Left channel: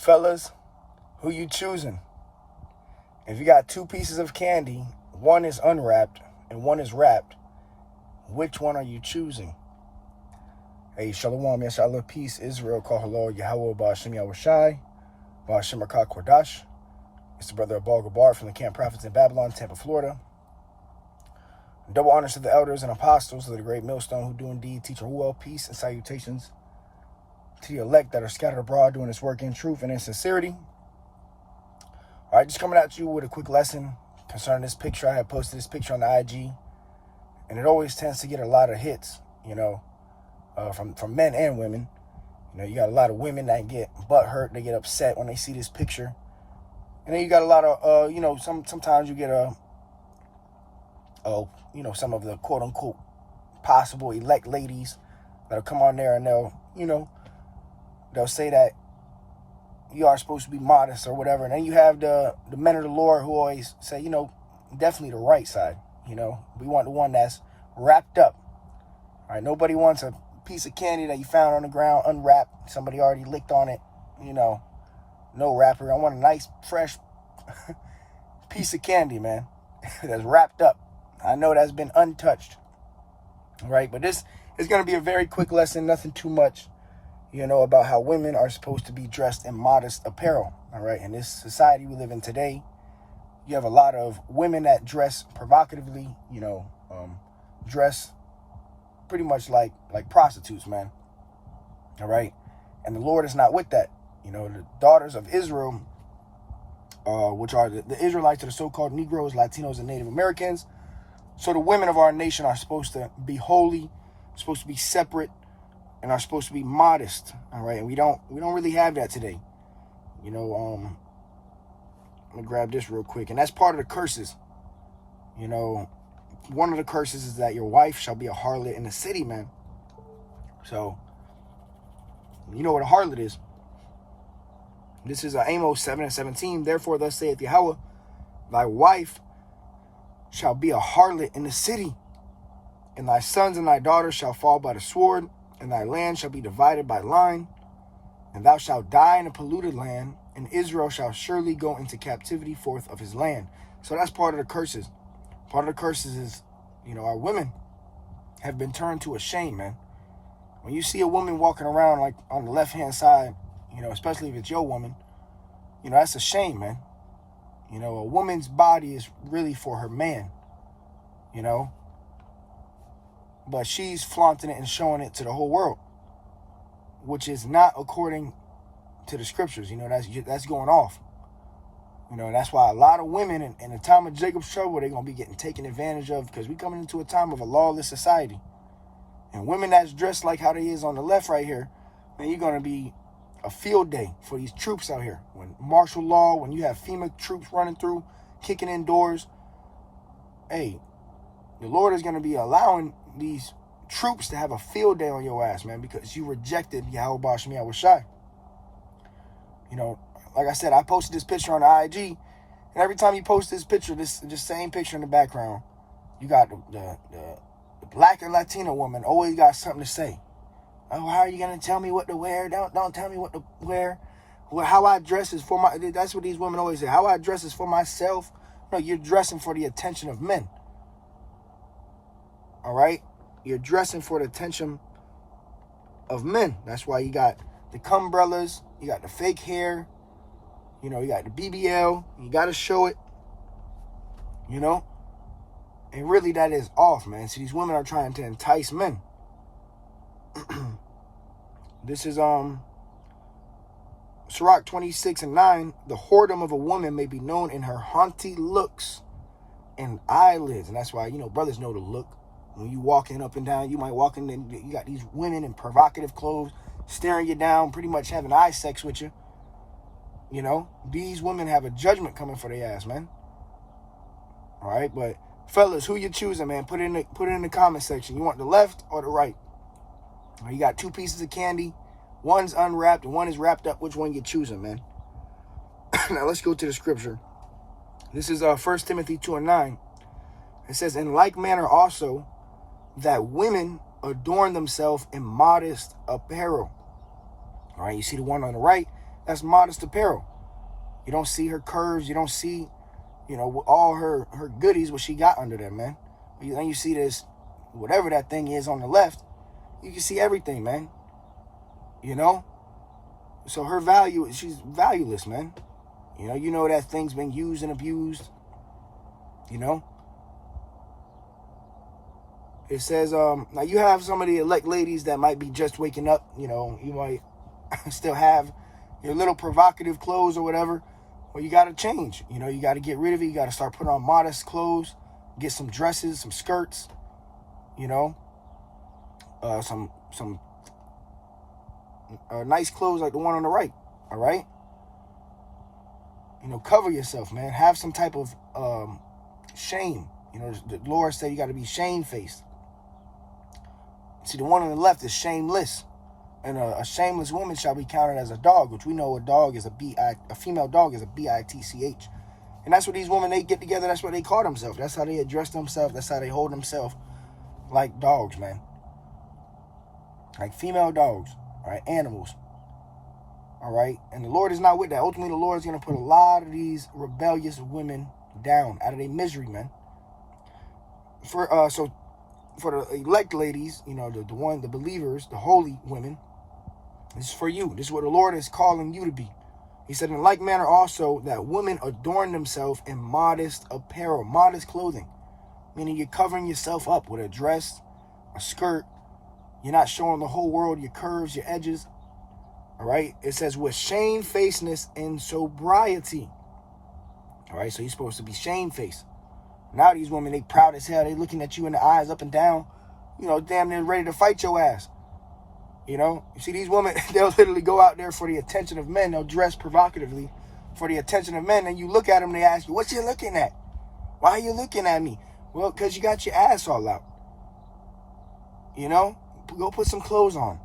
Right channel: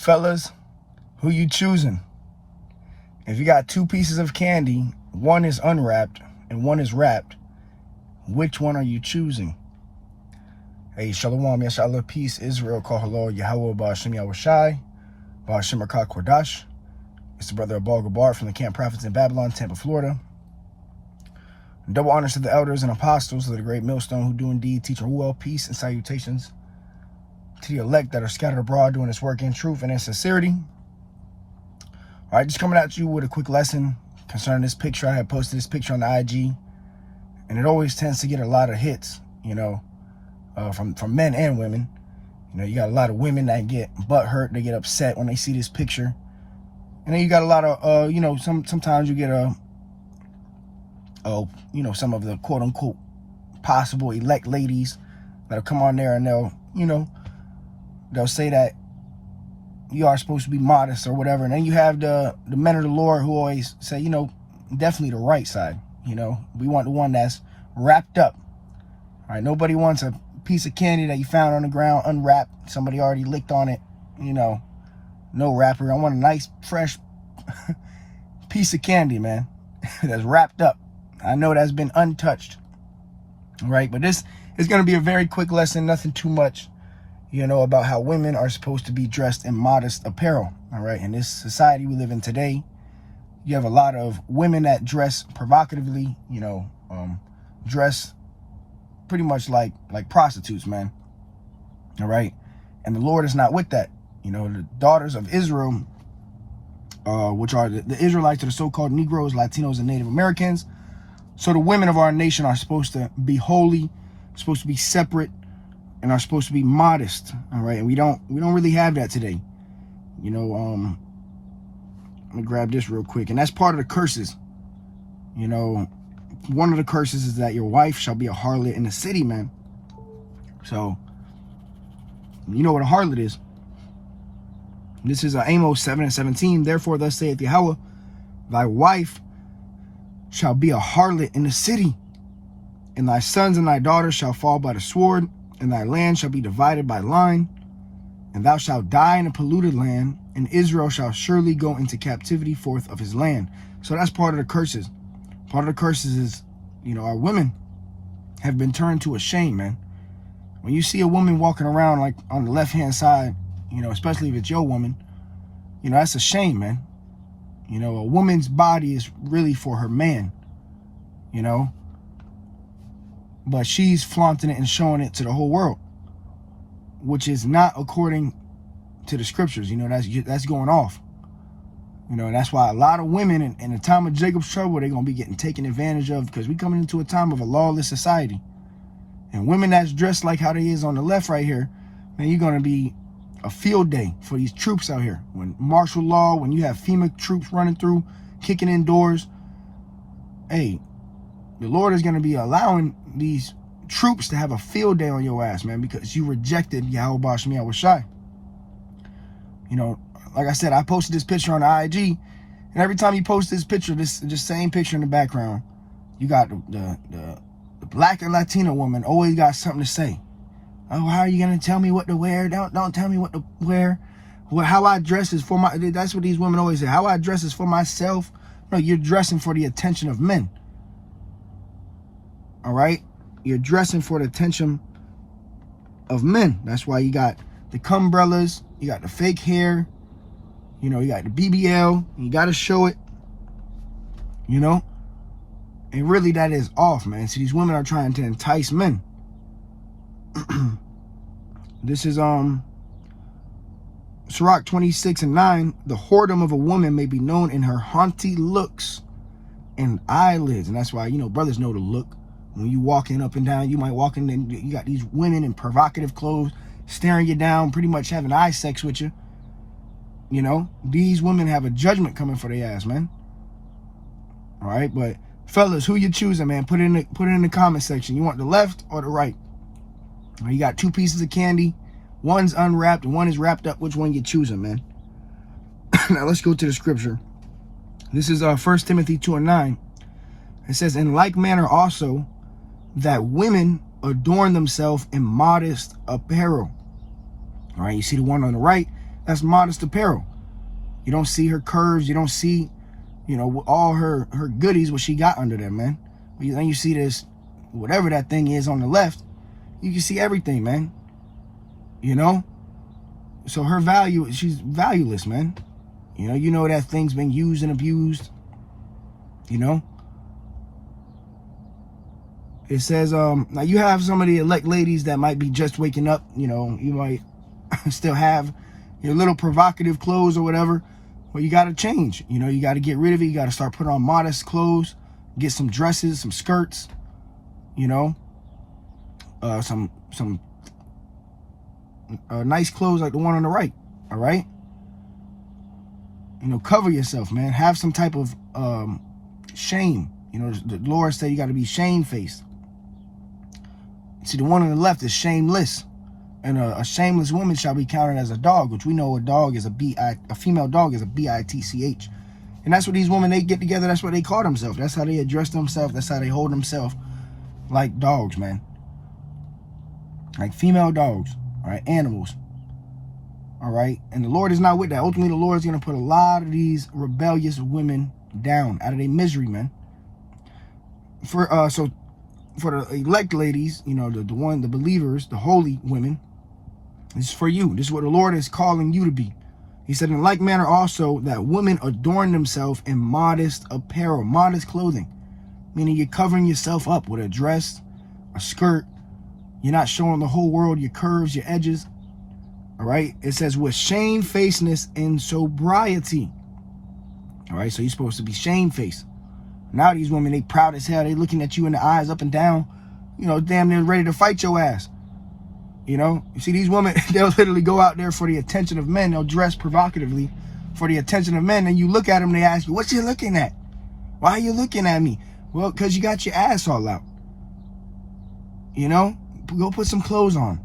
Fellas, who you choosing? If you got two pieces of candy, one is unwrapped and one is wrapped, which one are you choosing? Hey, Shalom, Yashallah, peace, Israel, call hello, Yahweh, Ba'ashem Yahushai, Ba'ashem Rakah Kordash. It's the brother of Baal Gabar from the Camp Prophets in Babylon, Tampa, Florida. Double honors to the elders and apostles of the great millstone who do indeed teach Ruel, peace and salutations to the elect that are scattered abroad doing this work in truth and in sincerity. All right, just coming at you with a quick lesson concerning this picture. I had posted this picture on the IG, and it always tends to get a lot of hits, from men and women. You got a lot of women that get butthurt, they get upset when they see this picture. And then you got a lot of, sometimes you get some of the quote unquote possible elect ladies that'll come on there and they'll say that you are supposed to be modest or whatever. And then you have the men of the Lord who always say, definitely the right side. We want the one that's wrapped up. All right, nobody wants a piece of candy that you found on the ground unwrapped. Somebody already licked on it, no wrapper. I want a nice, fresh piece of candy, man, that's wrapped up. I know that's been untouched. All right, but this is going to be a very quick lesson, nothing too much, about how women are supposed to be dressed in modest apparel. All right, in this society we live in today, you have a lot of women that dress provocatively, dress pretty much like prostitutes, man. All right, and the Lord is not with that. The daughters of Israel, which are the Israelites, are the so-called Negroes, Latinos, and Native Americans. So the women of our nation are supposed to be holy, supposed to be separate, and are supposed to be modest. All right, and we don't really have that today. Let me grab this real quick, and that's part of the curses. One of the curses is that your wife shall be a harlot in the city, man. So you know what a harlot is. This is Amos 7:17. Therefore, thus saith Yahweh, thy wife shall be a harlot in the city, and thy sons and thy daughters shall fall by the sword, and thy land shall be divided by line, and thou shalt die in a polluted land, and Israel shall surely go into captivity forth of his land. So that's part of the curses. Part of the curses is, our women have been turned to a shame, man. When you see a woman walking around like on the left-hand side, especially if it's your woman, that's a shame, man. A woman's body is really for her man, but she's flaunting it and showing it to the whole world, which is not according to the scriptures. That's going off. That's why a lot of women in the time of Jacob's trouble, they're going to be getting taken advantage of, because we coming into a time of a lawless society. And women that's dressed like how they is on the left right here, man, you're going to be a field day for these troops out here. When martial law, when you have FEMA troops running through, kicking in doors, hey, the Lord is going to be allowing these troops to have a field day on your ass, man, because you rejected Yahweh Ba'ashem Yahushai. Like I said, I posted this picture on the IG, and every time you post this picture, this just same picture in the background, you got the black and Latino woman always got something to say. Oh, how are you going to tell me what to wear? Don't tell me what to wear. How I dress is for my... That's what these women always say. How I dress is for myself. No, you're dressing for the attention of men. All right? You're dressing for the attention of men. That's why you got the cumbrellas. You got the fake hair. You got the BBL. You got to show it. And really, that is off, man. See, these women are trying to entice men. This is Sirach 26:9. The whoredom of a woman may be known in her haughty looks and eyelids. And that's why, brothers know the look. When you walking up and down, you might walk in and you got these women in provocative clothes staring you down, pretty much having eye sex with you. These women have a judgment coming for their ass, man. All right, but fellas, who you choosing, man? Put it in the comment section. You want the left or the right? You got two pieces of candy. One's unwrapped and one is wrapped up. Which one you choosing, man? Now let's go to the scripture. This is 1 Timothy 2:9. It says, in like manner also, that women adorn themselves in modest apparel. All right, you see the one on the right, That's modest apparel. You don't see her curves. You don't see, you know, all her goodies, what she got under there, man. Then you see this, whatever that thing is on the left, you can see everything, man. You know? So her value, she's valueless, man. You know that thing's been used and abused. You know? It says, now you have some of the elect ladies that might be just waking up. You know, you might still have your little provocative clothes or whatever. Well, you got to change. You know, you got to get rid of it. You got to start putting on modest clothes. Get some dresses, some skirts. You know, some nice clothes like the one on the right. All right. You know, cover yourself, man. Have some type of shame. You know, the Lord said you got to be shamefaced. See, the one on the left is shameless. And a shameless woman shall be counted as a dog, which we know a dog is a female dog is a bitch. And that's what these women, they get together, that's what they call themselves. That's how they address themselves. That's how they hold themselves, like dogs, man. Like female dogs, all right, animals. All right, and the Lord is not with that. Ultimately, the Lord is going to put a lot of these rebellious women down out of their misery, man. For the elect ladies, you know, the believers, the holy women, this is for you. This is what the Lord is calling you to be. He said, in like manner also, that women adorn themselves in modest apparel, modest clothing, meaning you're covering yourself up with a dress, a skirt. You're not showing the whole world your curves, your edges. All right. It says with shamefacedness and sobriety. All right. So you're supposed to be shamefaced. Now these women, they proud as hell. They looking at you in the eyes up and down. You know, damn, they're ready to fight your ass. You know, you see these women, they'll literally go out there for the attention of men. They'll dress provocatively for the attention of men. And you look at them, they ask you, what you looking at? Why are you looking at me? Well, because you got your ass all out. You know, go put some clothes on.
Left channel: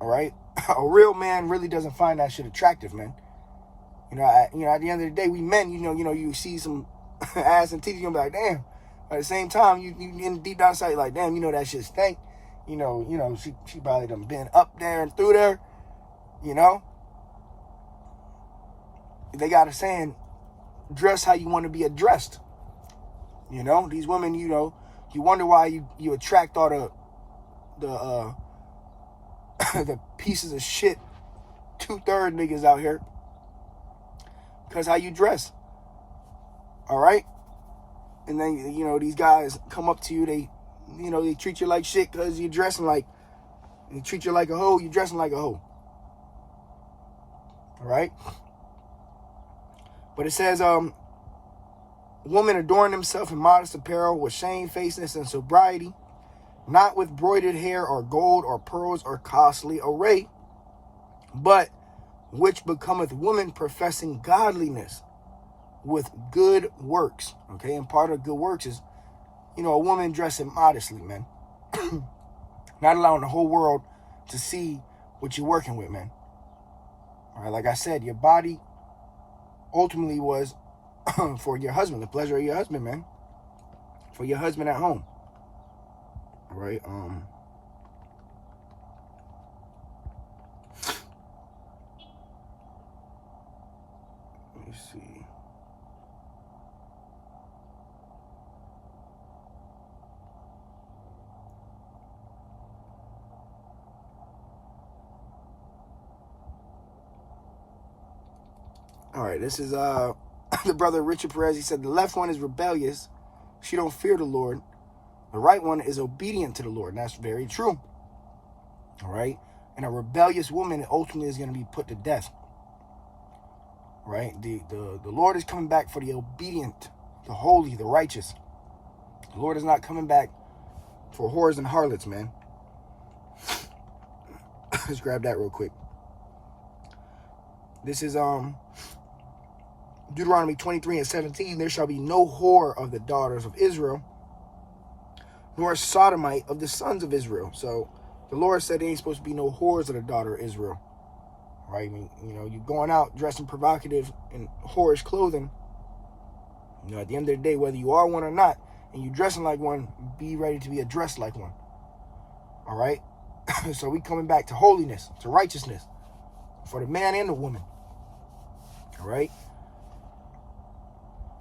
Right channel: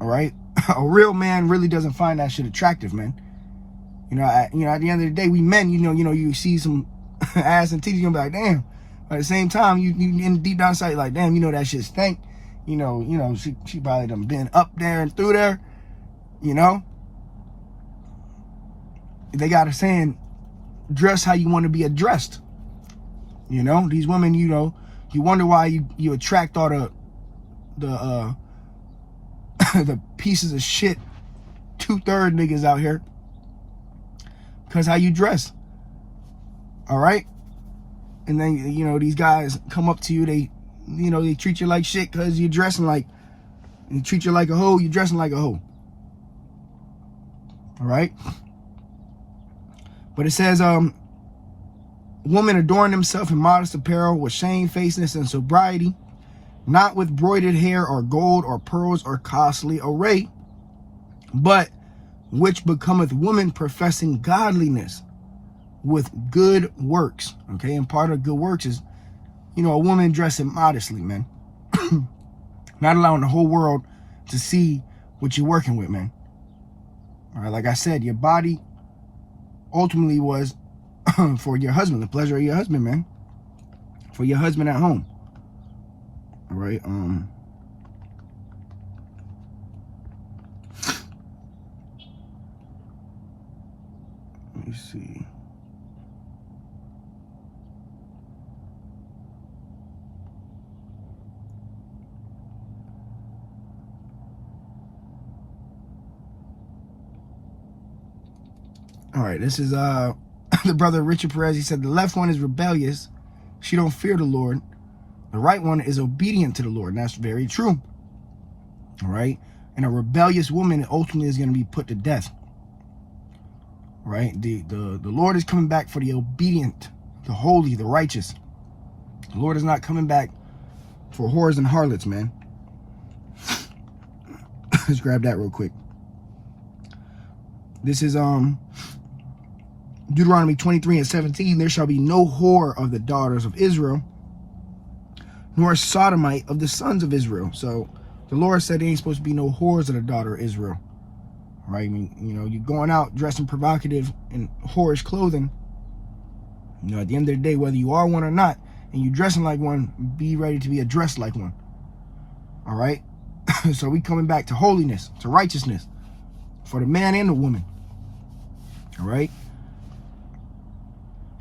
All right. A real man really doesn't find that shit attractive, man. You know, at the end of the day, we men, you see some ass and titties, you're like, damn. But at the same time, you in deep down inside, like, damn, you know that shit stink. You know, she probably done been up there and through there. You know, they got a saying, dress how you want to be addressed. You know, these women, you know, you wonder why you attract all the the pieces of shit 2/3 niggas out here. Because how you dress. All right? And then, you know, these guys come up to you. They treat you like shit because you're dressing like, they treat you like a hoe. You're dressing like a hoe. All right? But it says, women adorn themselves in modest apparel with shamefacedness and sobriety, not with broidered hair or gold or pearls or costly array, but which becometh woman professing godliness with good works. Okay, and part of good works is, you know, a woman dressing modestly, man. Not allowing the whole world to see what you're working with, man. All right, like I said, your body ultimately was for your husband, the pleasure of your husband, man. For your husband at home. All right, let me see. All right, this is the brother Richard Perez. He said the left one is rebellious. She don't fear the Lord. The right one is obedient to the Lord. And that's very true. All right. And a rebellious woman ultimately is going to be put to death. All right. The Lord is coming back for the obedient, the holy, the righteous. The Lord is not coming back for whores and harlots, man. Let's grab that real quick. This is Deuteronomy 23:17. There shall be no whore of the daughters of Israel, nor sodomite of the sons of Israel. So the Lord said there ain't supposed to be no whores of the daughter of Israel. Right? I mean, you know, you're going out dressing provocative in whorish clothing. You know, at the end of the day, whether you are one or not, and you're dressing like one, be ready to be addressed like one. All right? So we coming back to holiness, to righteousness for the man and the woman. All right.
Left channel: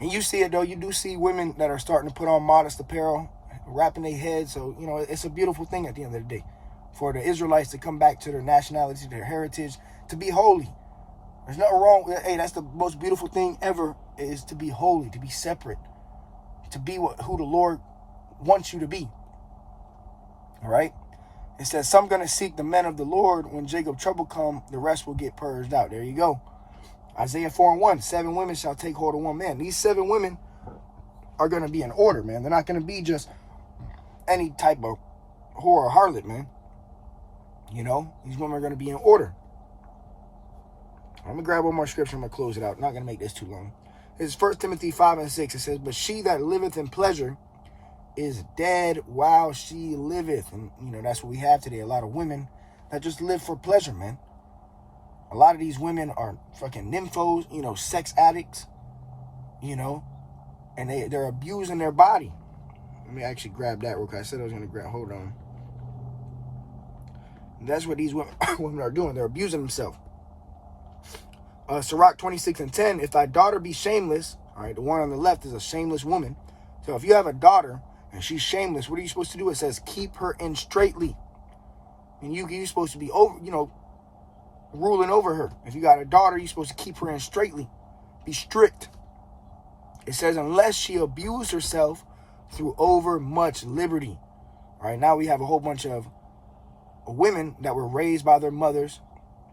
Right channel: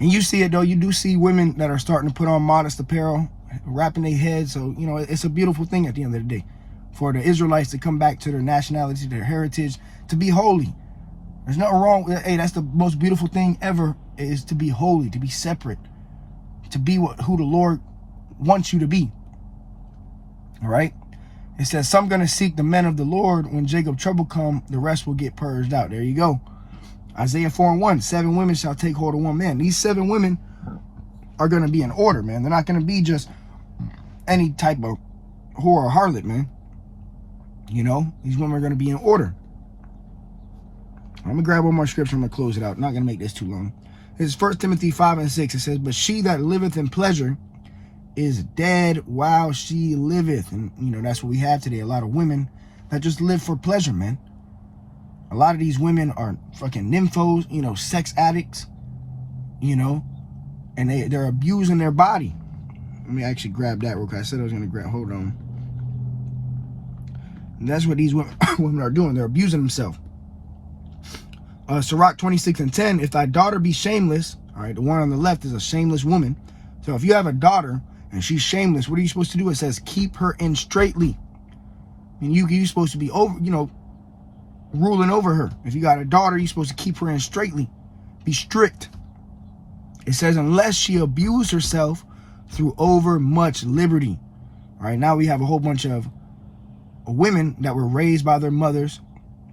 And you see it, though. You do see women that are starting to put on modest apparel, wrapping their heads. So, you know, it's a beautiful thing at the end of the day for the Israelites to come back to their nationality, their heritage, to be holy. There's nothing wrong with it. Hey, that's the most beautiful thing ever, is to be holy, to be separate, to be who the Lord wants you to be. All right. It says, some going to seek the men of the Lord. When Jacob trouble come, the rest will get purged out. There you go. Isaiah 4:1, 7 women shall take hold of one man. These 7 women are going to be in order, man. They're not going to be just any type of whore or harlot, man. You know, these women are going to be in order. I'm going to grab one more scripture. I'm going to close it out. I'm not going to make this too long. This is 1 Timothy 5:6. It says, but she that liveth in pleasure is dead while she liveth. And, you know, that's what we have today. A lot of women that just live for pleasure, man. A lot of these women are fucking nymphos, you know, sex addicts, you know, and they're abusing their body. Let me actually grab that real quick. I said I was going to grab, hold on. And that's what these women are doing. They're abusing themselves. Sirach 26:10, if thy daughter be shameless, all right, the one on the left is a shameless woman. So if you have a daughter and she's shameless, what are you supposed to do? It says, keep her in straitly. And you're supposed to be over, you know, ruling over her. If you got a daughter, you're supposed to keep her in straitly. Be strict. It says, unless she abuse herself through over much liberty. All right, now we have a whole bunch of women that were raised by their mothers,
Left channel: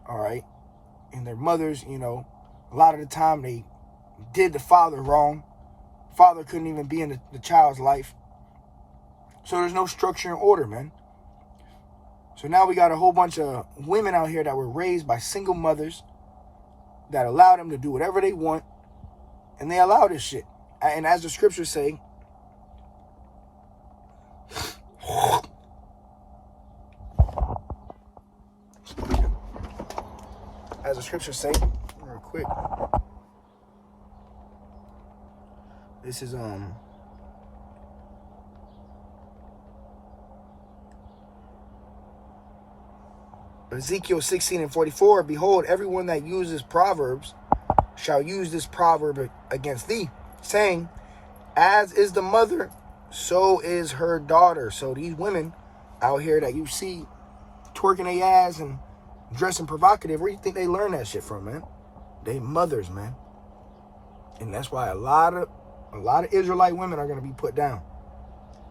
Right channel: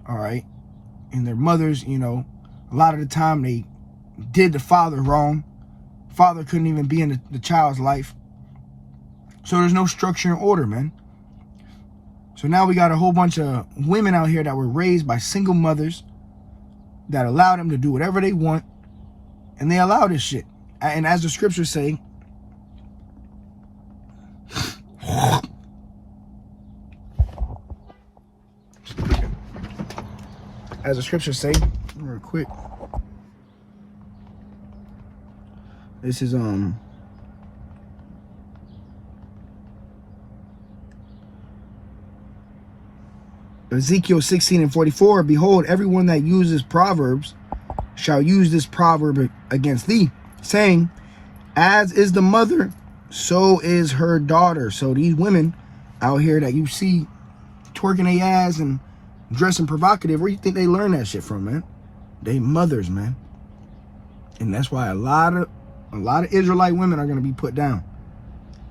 all right, and their mothers, you know, a lot of the time they did the father wrong. Father couldn't even be in the child's life. So there's no structure and order, man. So now we got a whole bunch of women out here that were raised by single mothers that allow them to do whatever they want, and they allow this shit. And as the scriptures say, real quick, this is Ezekiel 16:44, behold, everyone that uses proverbs shall use this proverb against thee, saying, as is the mother, so is her daughter. So these women out here that you see twerking their ass and dressing provocative, where you think they learn that shit from, man? They mothers, man. And that's why a lot of Israelite women are going to be put down.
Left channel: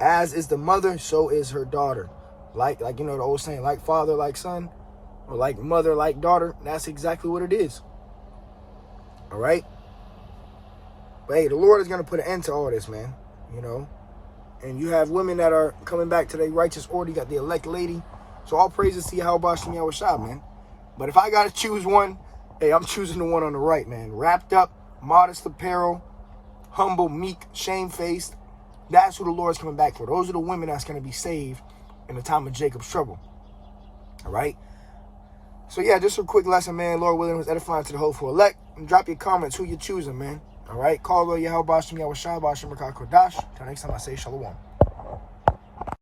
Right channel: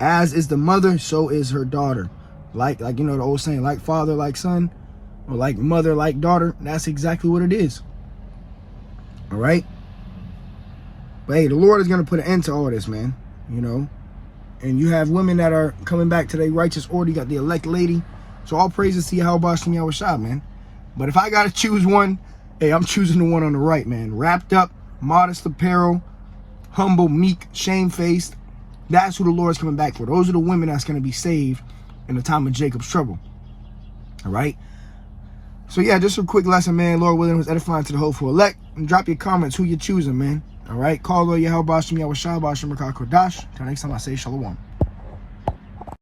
As is the mother, so is her daughter. Like you know the old saying, like father, like son, or like mother, like daughter. That's exactly what it is. All right? But hey, the Lord is going to put an end to all this, man. You know? And you have women that are coming back to their righteous order. You got the elect lady. So all praises to Yahweh Shem Yahushua, man. But if I got to choose one, hey, I'm choosing the one on the right, man. Wrapped up, modest apparel, humble, meek, shamefaced. That's who the Lord's coming back for. Those are the women that's going to be saved in the time of Jacob's trouble. All right? So yeah, just a quick lesson, man. Lord willing, was edifying to the hopeful elect. And drop your comments who you're choosing, man. All right? Call Lord Yahweh Shem Yahushua, B'Shem Rakah Kodash. Till next time I say Shalom.